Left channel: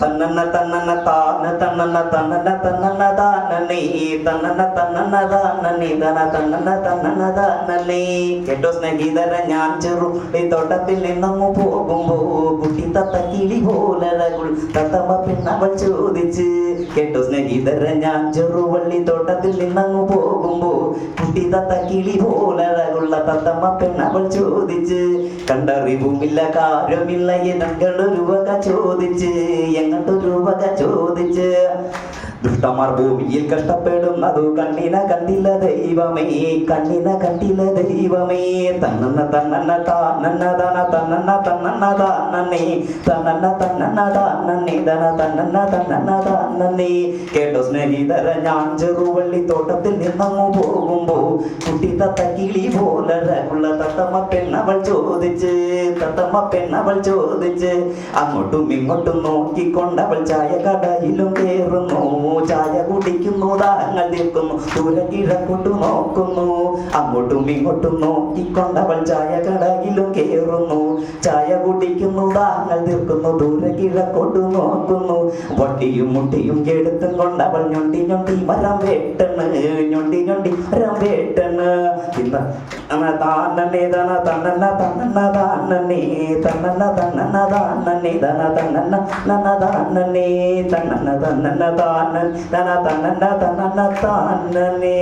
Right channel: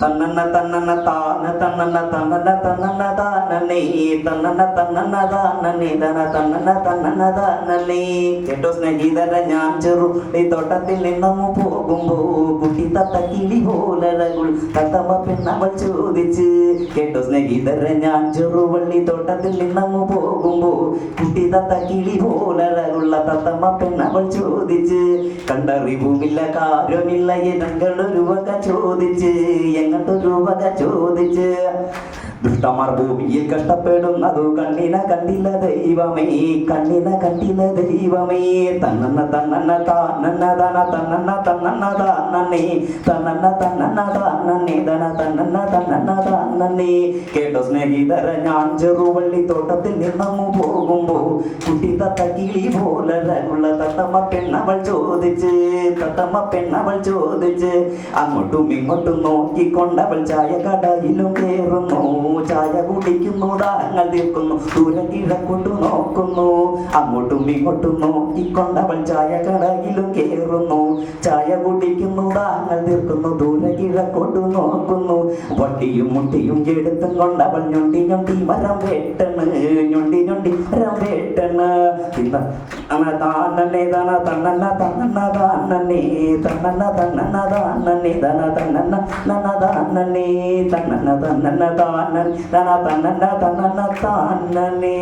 തന്നന്ന തന്നന്ന താന തന്നന്ന തന്നന്ന തന്നന്ന താനനേ തന്നന്ന തന്നന്ന താനനേ തന തന്നന്ന തന്നന്ന താനനേ കേട്ടോ സ്നേഹിതര ഞാൻ ചെറു ഈ തോട്ടത്തിൽ നിന്നങ്ങ് പോകുമ്പോ കുട്ടി തത്ത കിളി പോലഴകുൾ തത്തമ്മ പെണ്ണവൾ ചോദിച്ച് കേട്ടോ സ്നേഹിതര ഞാൻ ചെറുവള്ളി തോട്ടത്തിൽ നിന്നങ്ങ് പോകുമ്പോ കുട്ടി തത്ത കിളി പോലഴകുള്ള തത്തമ്മ പെണ്ണവൾ ചോദിച്ച് കണ്ടറിവുമില്ല കാര്യമില്ല എനങ്ങളൊരു ചോദിച്ച് ദുഷ്ടമാർ കഷ്ടപ്പെടുന്നതു കണ്ണിന കണ്ടില്ല ദൈവമേ കണ്ണിന കണ്ടില്ല ദൈവമേ. തന്നന്ന തന്നന്ന താനന്ന തന തന്നന്ന തന്നന്ന താനന്നേ തന്നന്ന തന്നന്ന താനന്നേ തന തന്നന്ന തന്നന്ന താനന്നേ കേട്ടോ സ്നേഹിതര ഞാൻ ചെറുവള്ളി തോട്ടത്തിൽ നിന്നങ്ങു പോകുമ്പോ കുട്ടി തത്ത കിളി പോലെ ഉള്ള തത്തമ്മ പെണ്ണവൾ ചോദിച്ച് തത്തമ്മ പെണ്ണവൾ ചോദിച്ച് അങ്ങോട്ടും ഇങ്ങോട്ടും നോക്കിക്കൊണ്ടവൾ ചായ കടയിലും ചായ കുടിക്കുന്നു താങ്ങൾ നിൽക്കുന്നു ദൂരെ നോക്കുന്നു. അങ്ങോട്ടും ഇങ്ങോട്ടും നോക്കിക്കൊണ്ടവൾ ചായ കടയിലും കയറുന്നു ചായ കുടിക്കുന്നു താങ്ങൾ തീർക്കുന്നു ദൂരെ കിഴക്കോട്ട് നോക്കുന്നു. വട്ടിയും മുട്ടിയും എടുത്തും കൊണ്ടവൾ ഞൊണ്ടി ഞൊണ്ടി മരം വേട്ടണ് ഞൊണ്ടി ഞൊണ്ടി മരം വേട്ടണ് പിന്നെ അങ്ങനെ താനന്നെ തന്നെ തന്നന്ന തന്നന്ന താനന്നെ തന്നന്ന തന്നന്ന താനന്നെ തന തന്നന്ന നന്ന താനന്നെ തന്നന്ന തന്നന്ന താനൻ തന തന്നന്ന തന്നന്ന താനന്നെ